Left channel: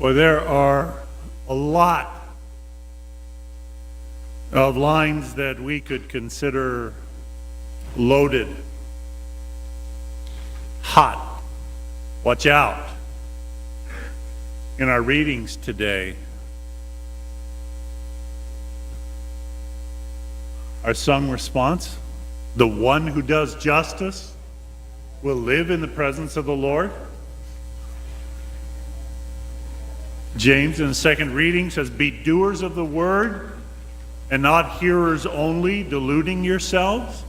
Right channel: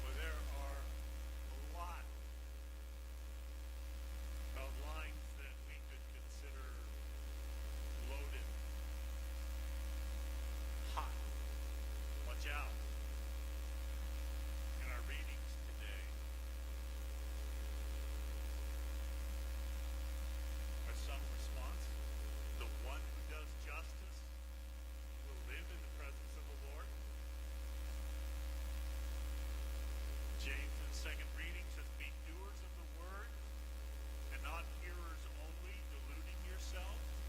Well, there are a lot of lines that we could consider loaded, hot, watch out, in our readings today. Our sung response, the one who does justice will live in the presence of the Lord. James in the second reading says, be doers of the word and not hearers only, deluding yourselves.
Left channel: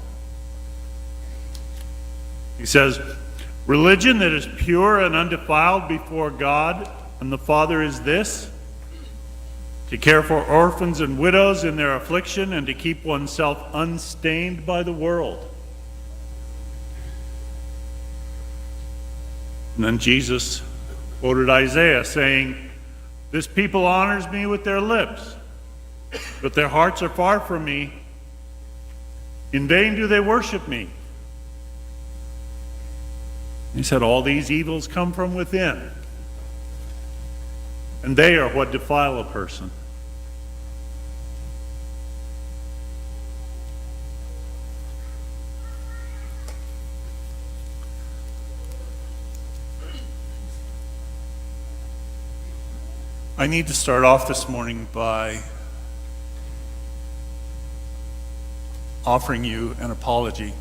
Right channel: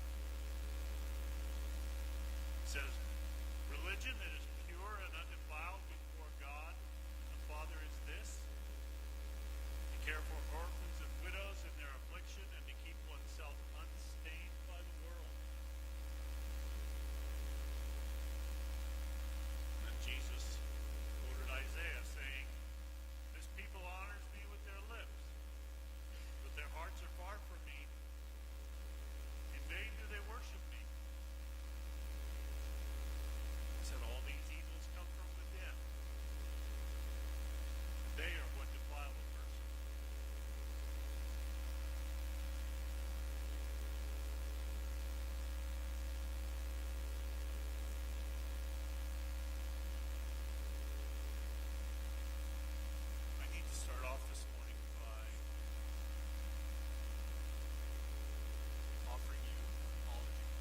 He says, religion that is pure and undefiled before God and the Father is this, to care for orphans and widows in their affliction and to keep oneself unstained by the world. And then Jesus quoted Isaiah saying, this people honors me with their lips, but their hearts are far from me. In vain do they worship me. He said, all these evils come from within, and they are what defile a person. I need to start off this morning by offering you an apology.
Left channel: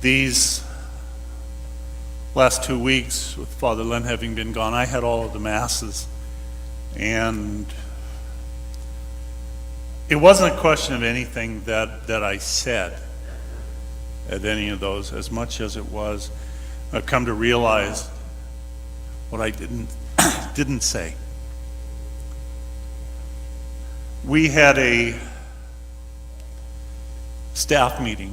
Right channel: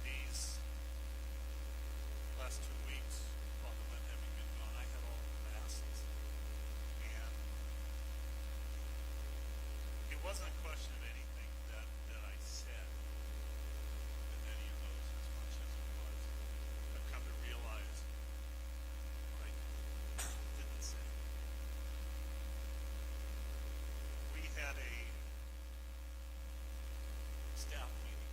These last 2 weeks, with Father Len having been gone, I had all of the masses, and it wasn't a question of anything that I said at any of those, as much as it was I've come to realize what I didn't say. We had a staff meeting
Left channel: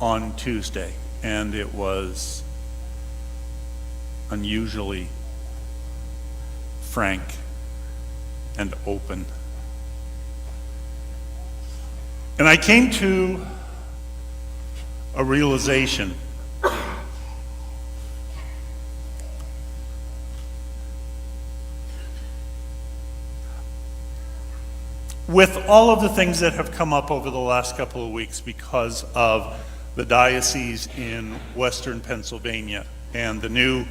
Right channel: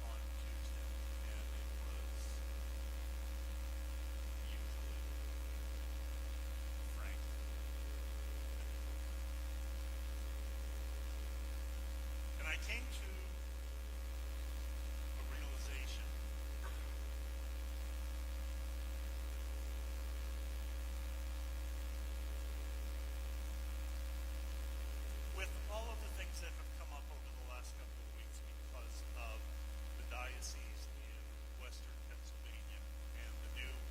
on Tuesday, and it was unusually frank and open. And I came to a realization with all of the things that have come up over the last couple of weeks because of the diocese in Western Pennsylvania and the new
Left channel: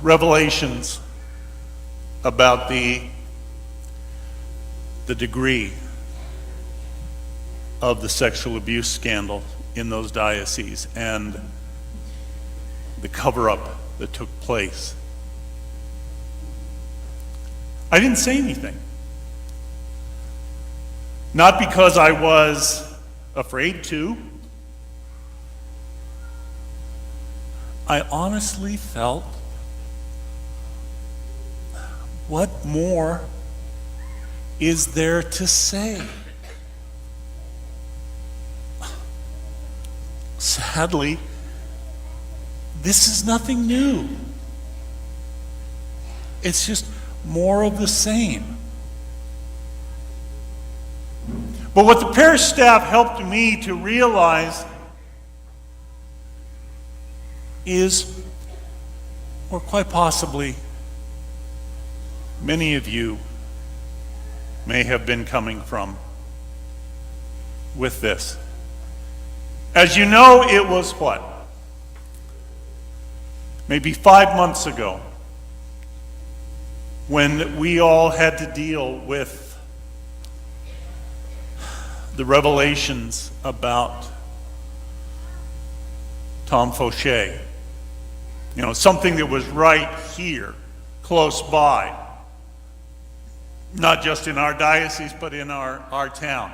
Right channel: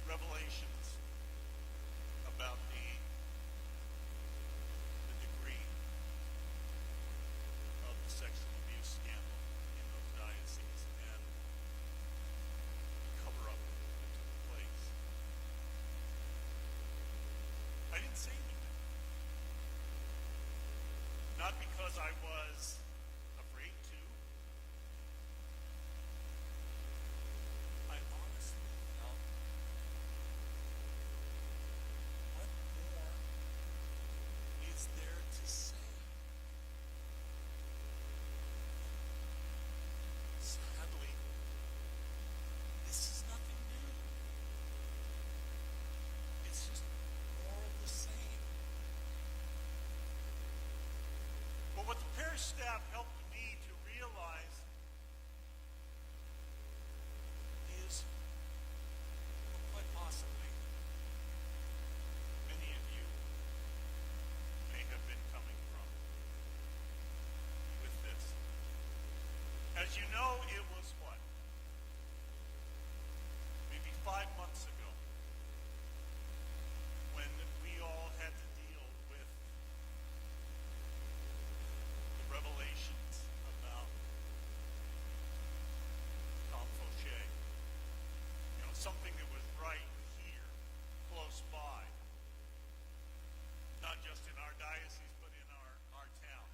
revelations about the degree of the sexual abuse scandal in those dioceses and the cover-up that took place. I didn't say anything. Not because I was afraid to. I honestly felt, what more is there to say? Sadly, this is nothing new. It's just more of the same. But what the parish staff helped me to realize is, or quite possibly, many of you may have been coming from with this. As you know, it was what? Maybe 5 months ago when we all had to deal with the revelations about Tom Fauché. You know, something that was right here, close by. Not just in our diocese, but in our town.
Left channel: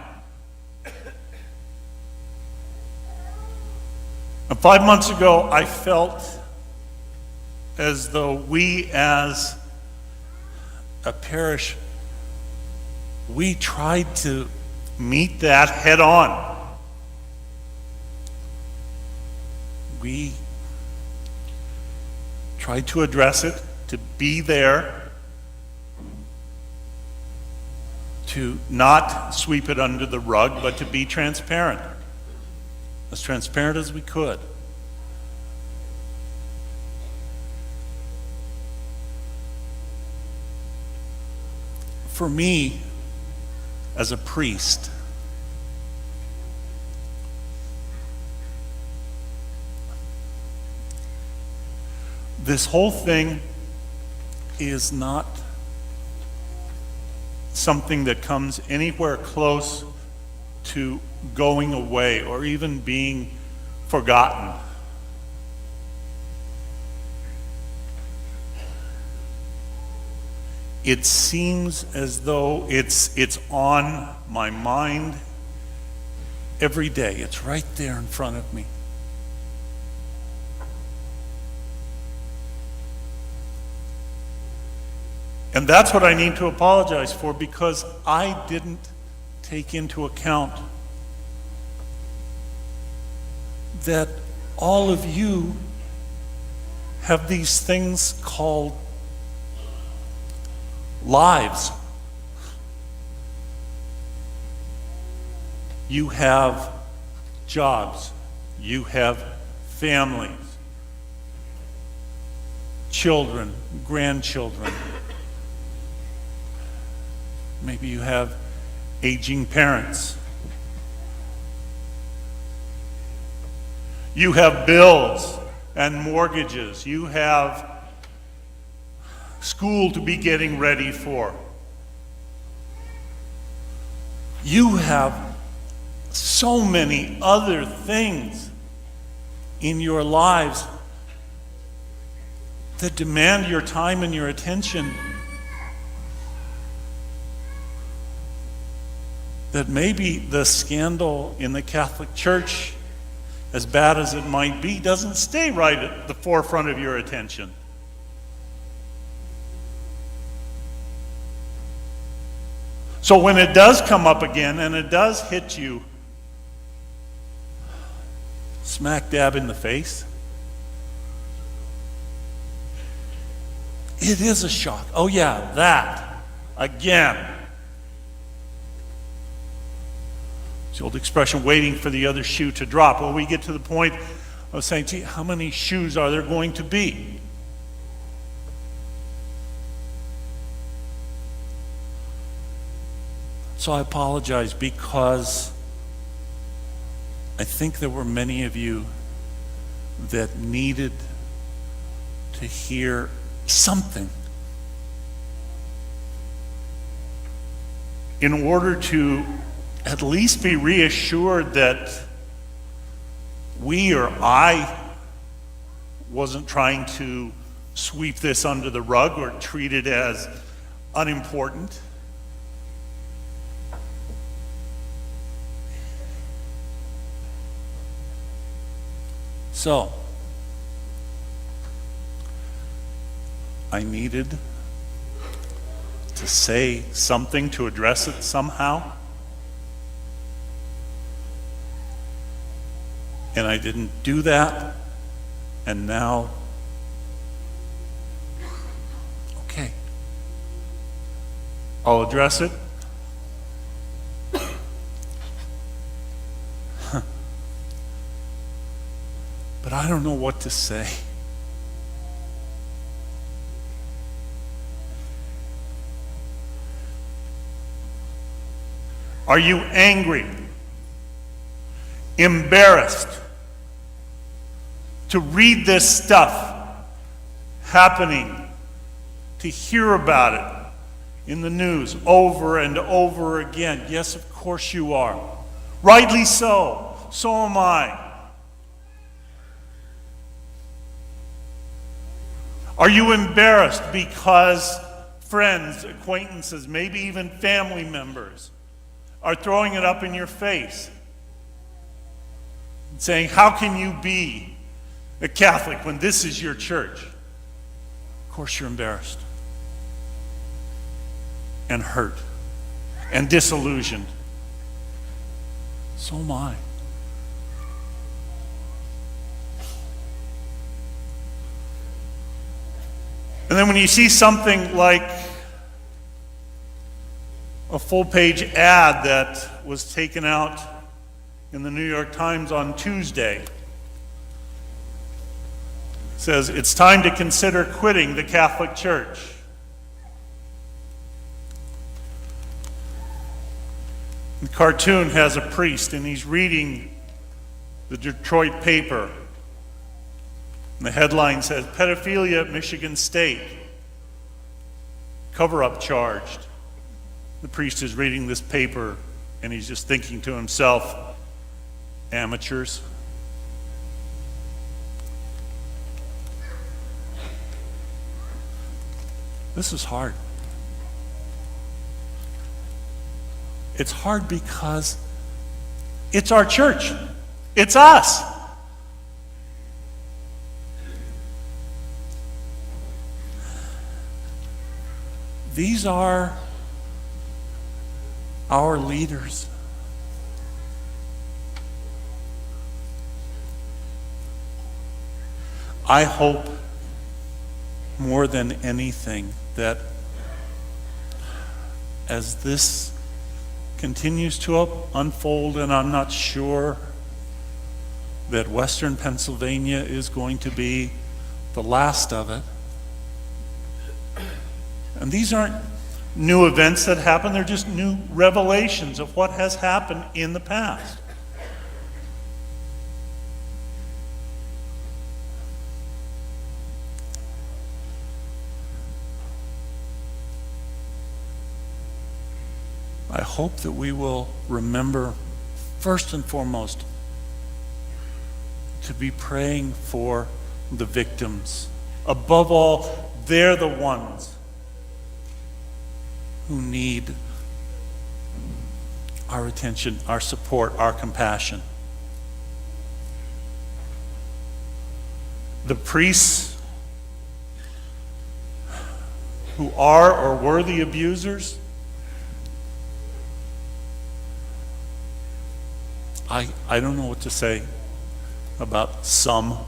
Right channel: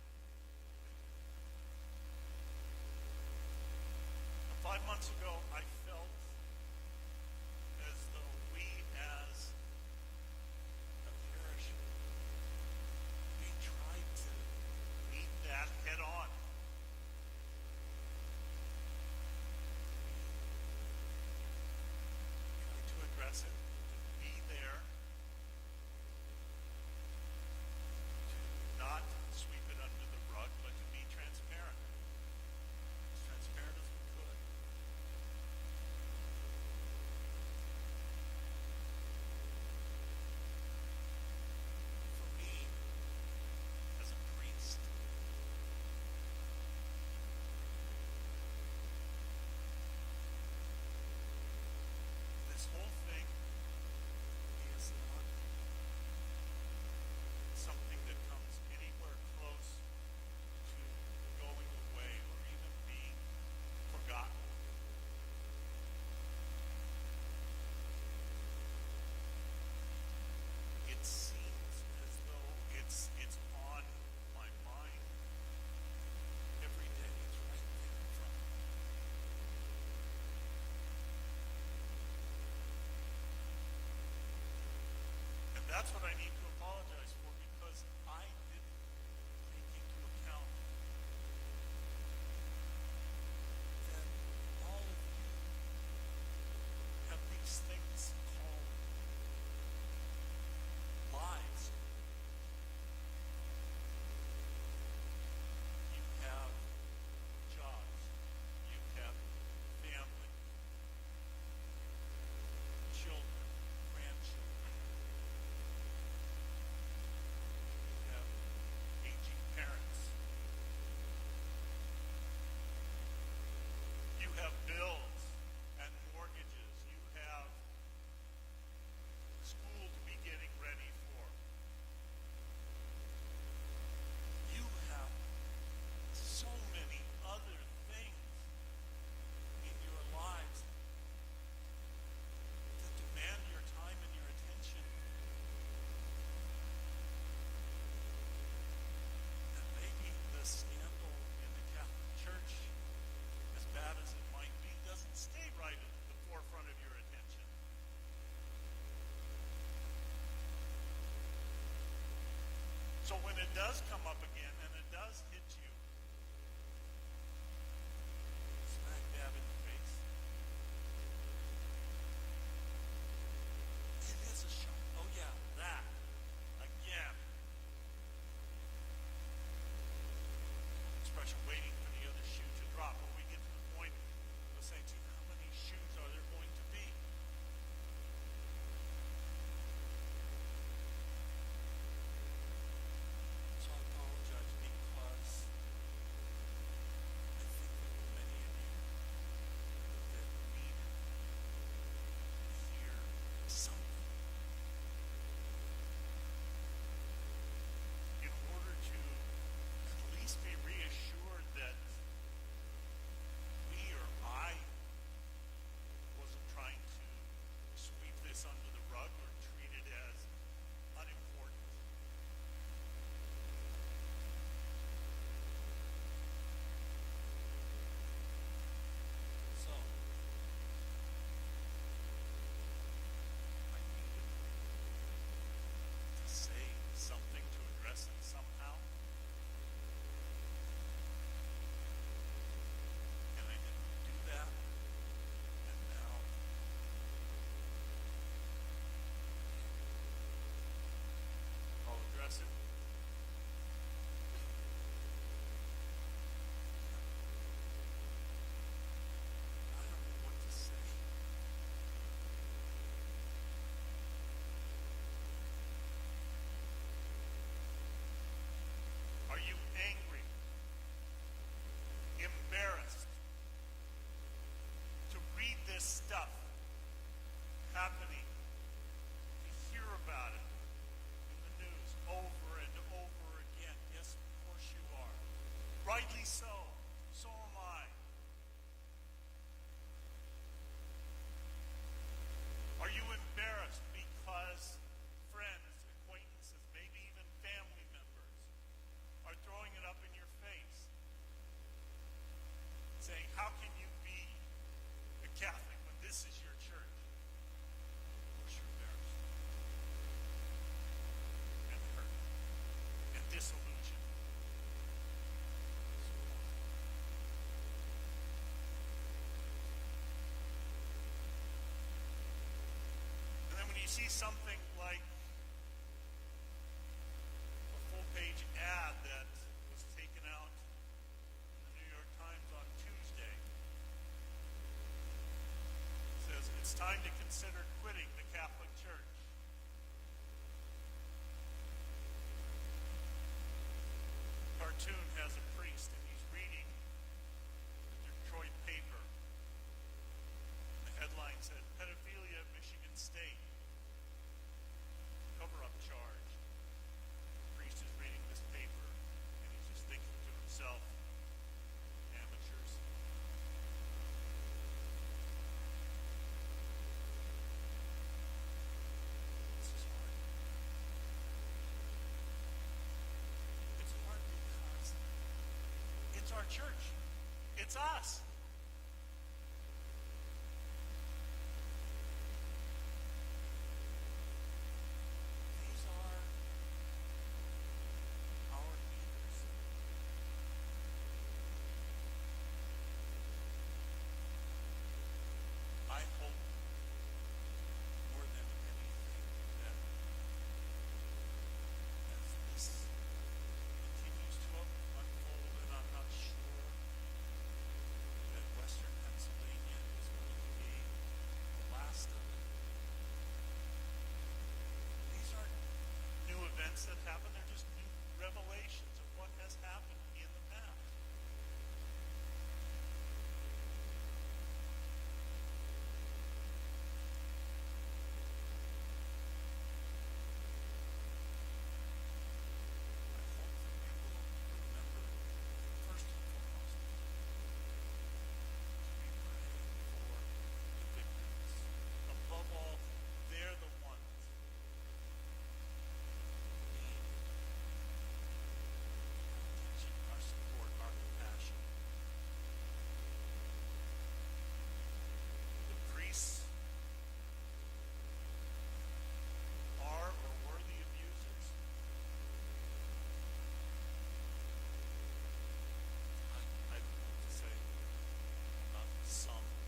And 5 months ago, I felt as though we as a parish, we tried to meet that head on. We tried to address it, to be there, to not sweep it under the rug, but to be transparent. as transparent as we could. For me, as a priest, this whole thing is not something that comes anywhere close to going away or even being forgotten. It seems as though it's on my mind every day. It's right there in front of me. And that's what I need to apologize for, because I didn't take into account that all of you have these things called lives. You have jobs. You have families, children, grandchildren. Maybe you have aging parents. You have bills and mortgages. You have school to be getting ready for. You have so many other things in your lives that demand your time and your attention, that maybe the scandal in the Catholic Church, as bad as it might be, doesn't stay right at the forefront of your attention. So when it does come up again, and it does hit you smack dab in the face, it is a shock. Oh yeah, that again. It's the old expression, waiting for the other shoe to drop. Well, we get to the point of saying, gee, how many shoes are there going to be? So I apologize, because I think there were many of you that needed to hear something in order to at least be reassured that we, or I, wasn't trying to sweep this under the rug or treat it as unimportant. So, I needed to say something to address it somehow. And I didn't do that, and now, okay, I'll address it. But I don't know what to say. Are you angry? Embarrassed to read this stuff happening, to hear about it in the news over and over again? Yes, of course you are. Rightly so. So am I. Are you embarrassed because friends, acquaintances, maybe even family members are throwing it up in your face and saying, how can you be a Catholic when this is your church? Of course you're embarrassed and hurt and disillusioned. So am I. And then when you see something like a full-page ad that was taken out in the New York Times on Tuesday. It says, "It's time to consider quitting the Catholic Church." The cartoon has a priest, and he's reading the Detroit paper. And the headline says, "Pedophilia at Michigan State. Cover-up charged." The priest is reading this paper, and he's just thinking to himself, amateurs. This is hard. It's hard because it's our church. It's us. These are our leaders. I hope more than anything that as this continues to unfold, and I'm not sure that Western Pennsylvania is going to be the last of it. And these aren't new events that happen, they're just new revelations of what has happened in the past. I hope that we will remember, first and foremost, to be praying for the victims. Above all, they're the ones who need our attention, our support, our compassion. The priests who are or were the abusers, I don't know what to say about some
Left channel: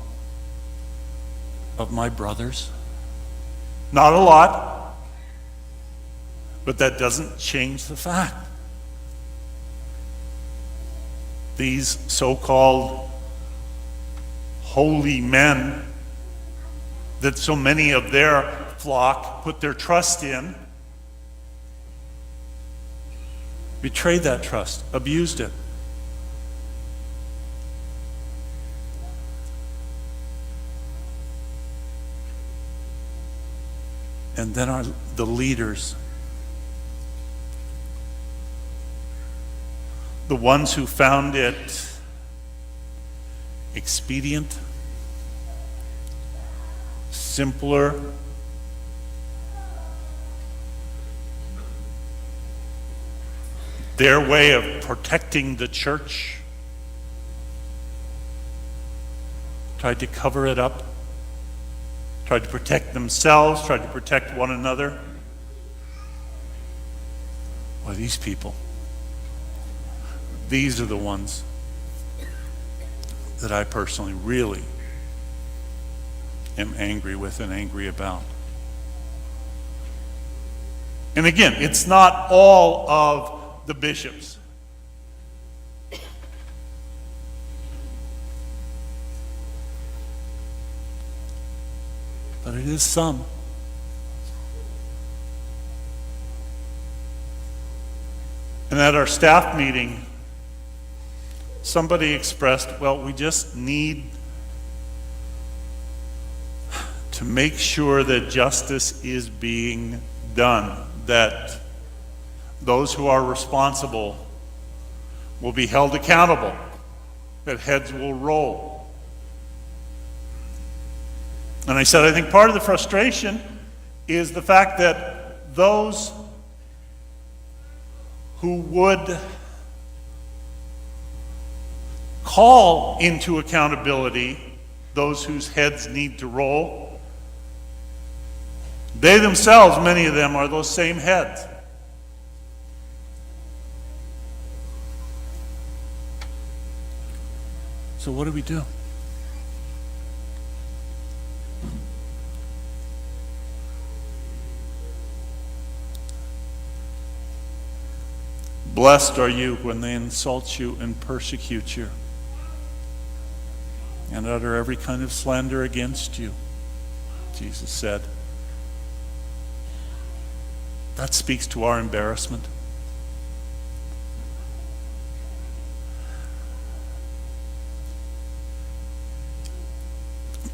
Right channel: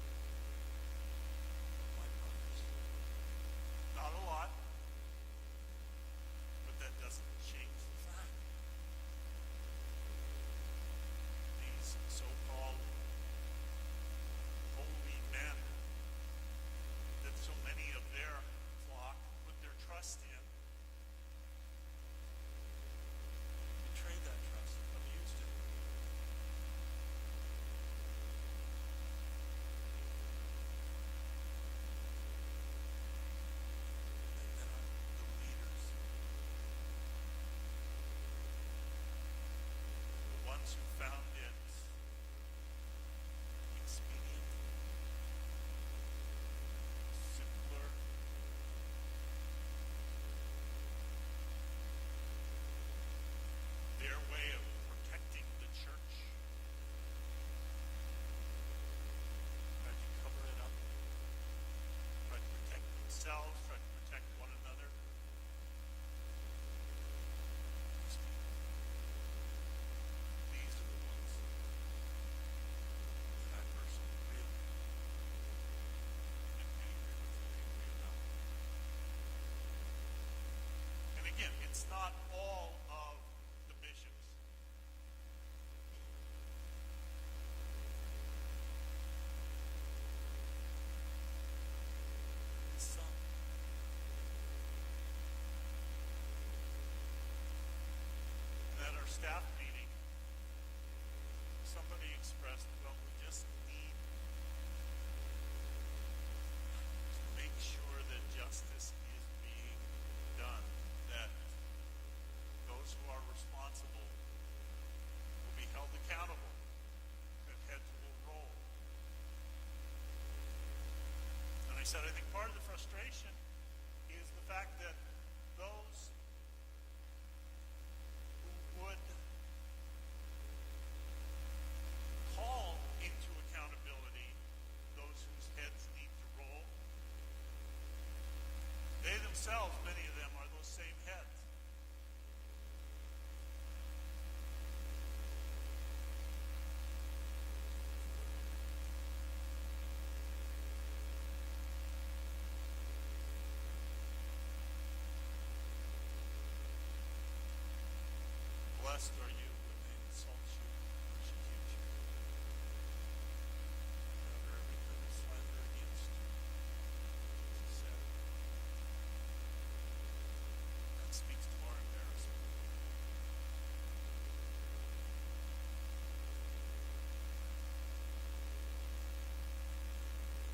of my brothers. Not a lot, but that doesn't change the fact. These so-called holy men that so many of their flock put their trust in, betrayed that trust, abused it. And then the leaders, the ones who found it expedient, simpler, their way of protecting the church, tried to cover it up, tried to protect themselves, tried to protect one another. Well, these people, these are the ones that I personally really am angry with and angry about. And again, it's not all of the bishops. But it is some. And at our staff meeting, somebody expressed, well, we just need to make sure that justice is being done, that those who are responsible will be held accountable, that heads will roll. And I said, I think part of the frustration is the fact that those who would call into accountability those whose heads need to roll, they themselves, many of them, are those same heads. So what do we do? Blessed are you when they insult you and persecute you and utter every kind of slander against you, Jesus said. That speaks to our embarrassment.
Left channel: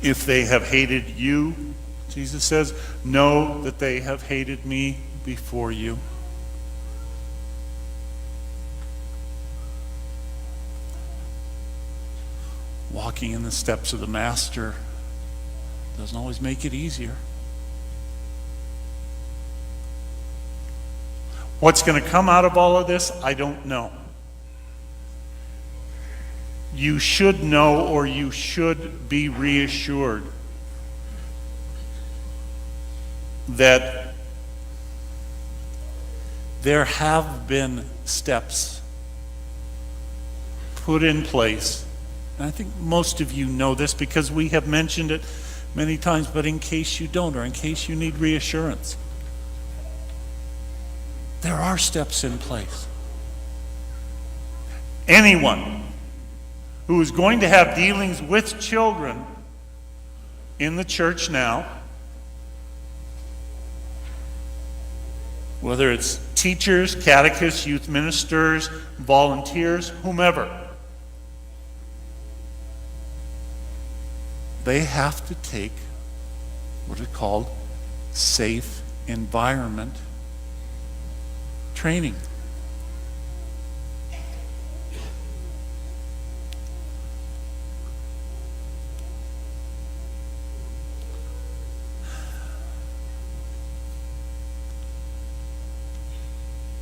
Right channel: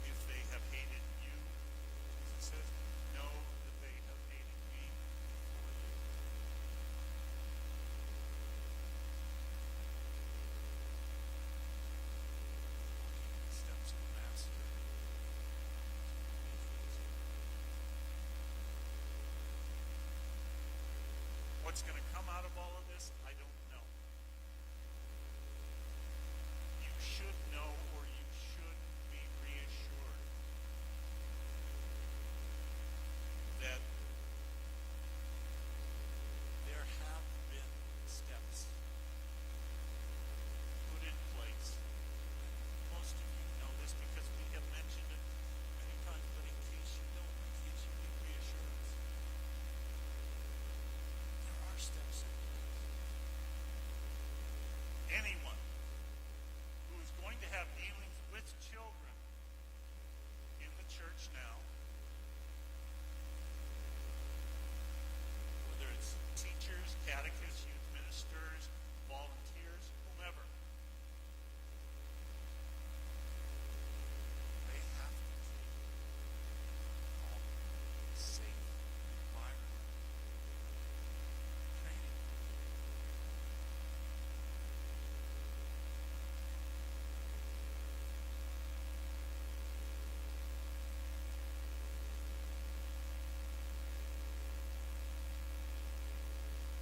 If they have hated you, Jesus says, know that they have hated me before you. Walking in the steps of the Master doesn't always make it easier. What's going to come out of all of this, I don't know. You should know, or you should be reassured that there have been steps put in place. And I think most of you know this because we have mentioned it many times, but in case you don't, or in case you need reassurance, there are steps in place. Anyone who is going to have dealings with children in the church now, whether it's teachers, catechists, youth ministers, volunteers, whomever, they have to take what is called safe environment training.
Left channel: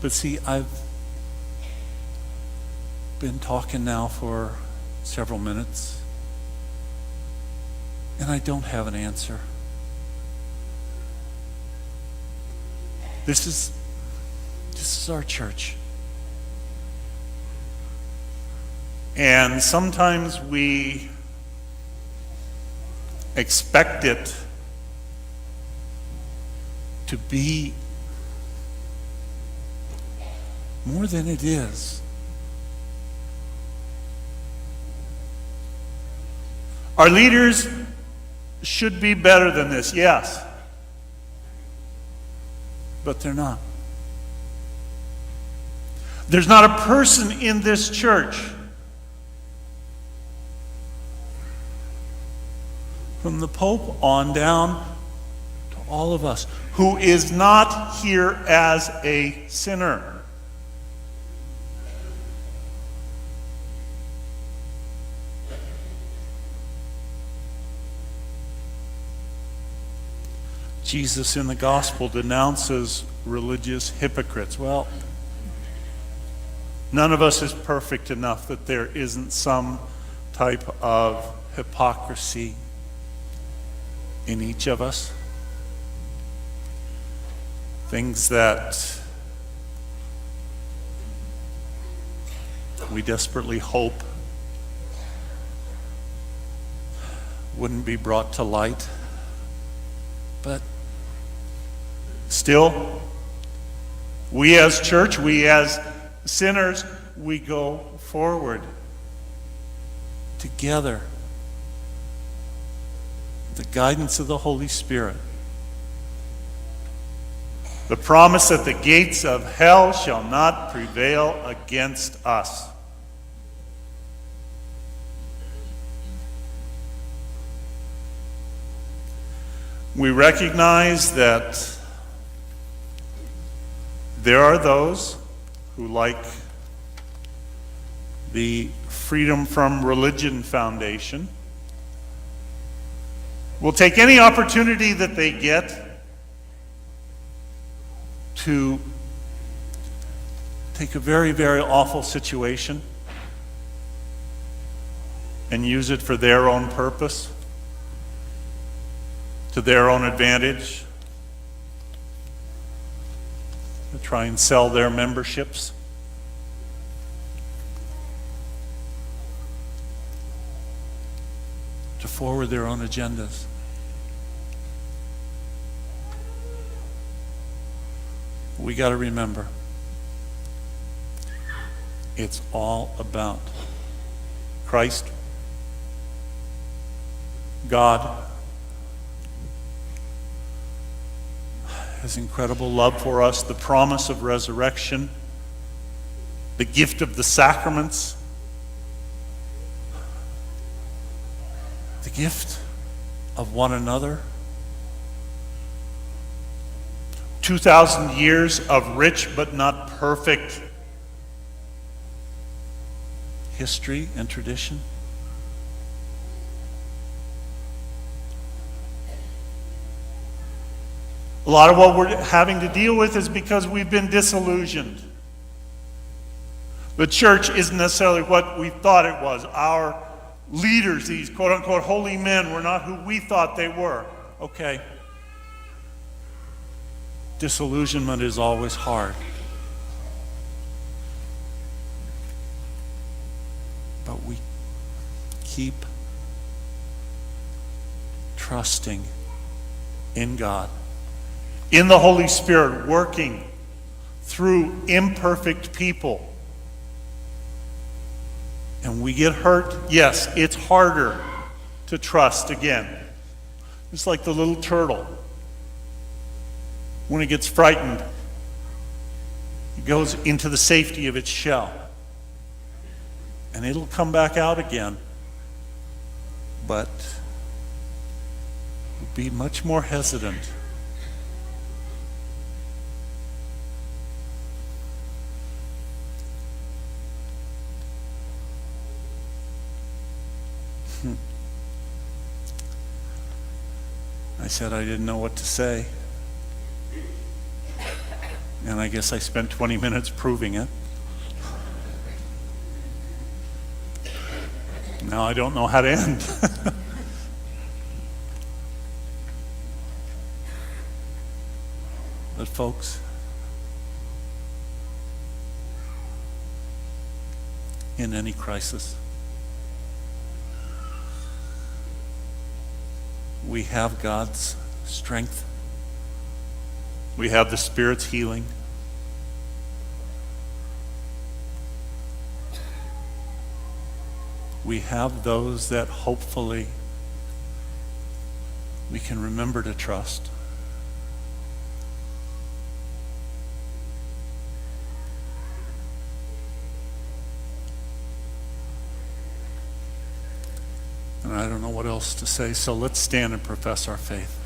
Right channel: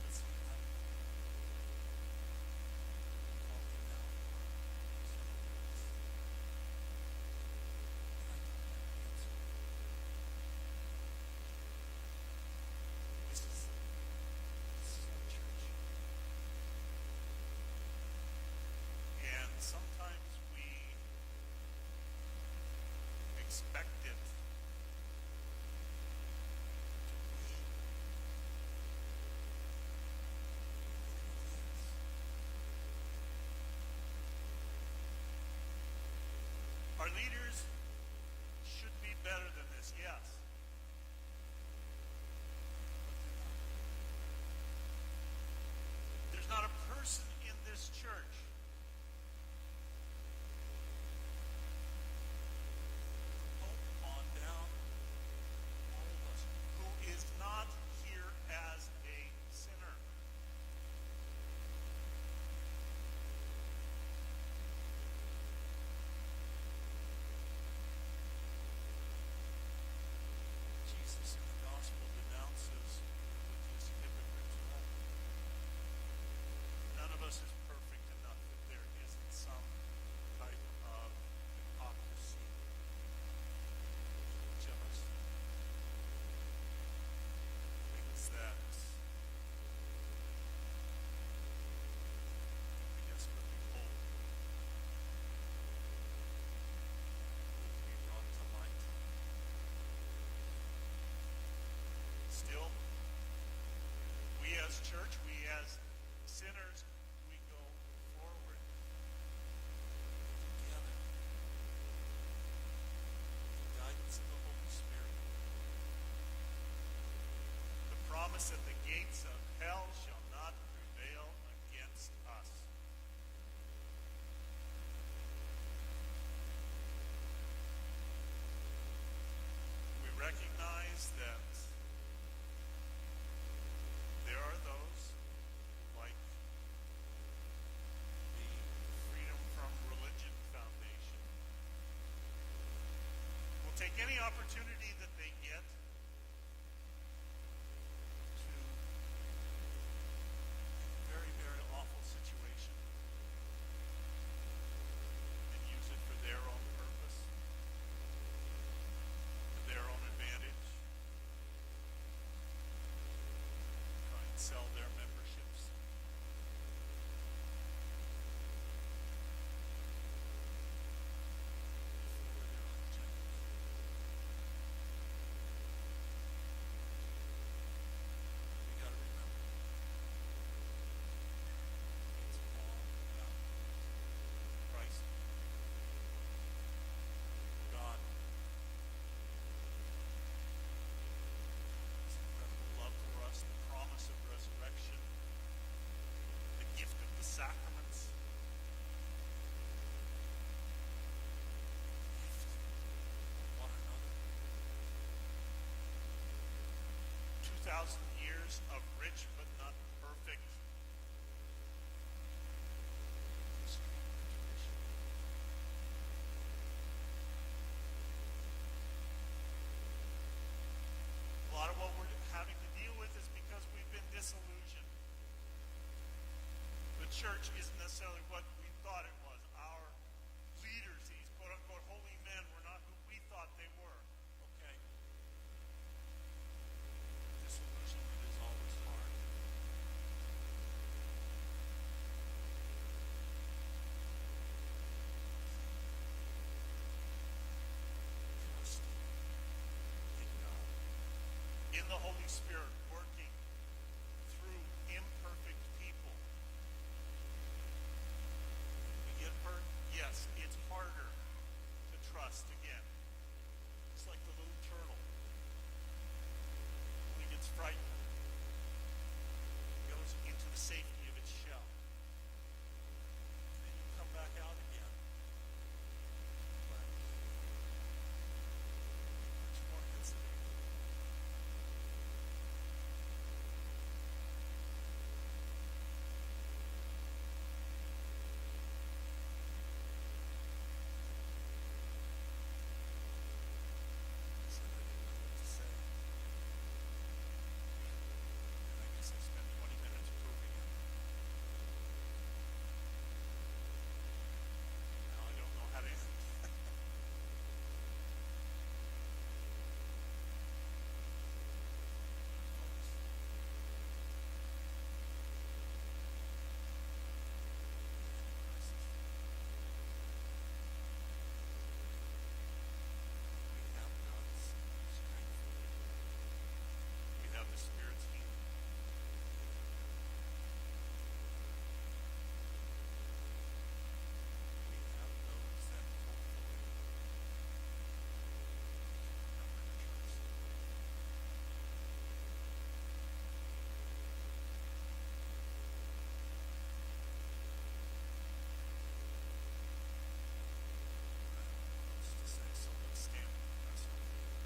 But see, I've been talking now for several minutes, and I don't have an answer. This is our church. And sometimes we expect it to be more than it is. Our leaders should be better than this, yes. But they're not. There's not a person in this church, from the Pope on down to all of us, who is not here as a sinner. Jesus in the gospel denounces religious hypocrites. Well, none of us is perfect enough that there isn't some type of hypocrisy in each of us. Things that we desperately hope wouldn't be brought to light. But still, we as church, we as sinners, we go forward together. The guidance of the Holy Spirit. The promise that the gates of hell shall not prevail against us. We recognize that there are those who, like the Freedom from Religion Foundation, will take any opportunity that they get to take a very, very awful situation and use it for their own purpose, to their own advantage, to try and sell their memberships. To forward their own agendas. We got to remember, It's all about Christ, God, His incredible love for us, the promise of resurrection, the gift of the sacraments, the gift of one another. 2,000 years of rich but not perfect history and tradition. A lot of what we're having to deal with is because we've been disillusioned. The church isn't necessarily what we thought it was. Our leaders, these quote-unquote holy men, were not who we thought they were. Okay. Disillusionment is always hard. But we keep trusting in God, in the Holy Spirit, working through imperfect people. And we get hurt. Yes, it's harder to trust again. It's like the little turtle. When it gets frightened, it goes into the safety of its shell. And it'll come back out again. But it'll be much more hesitant. I said I didn't know what to say. And I guess I spent 20 minutes proving it. Now I don't know how to end. But folks, in any crisis, we have God's strength. We have the Spirit's healing. We have those that hopefully we can remember to trust. And I don't know what else to say, so let's stand and profess our faith.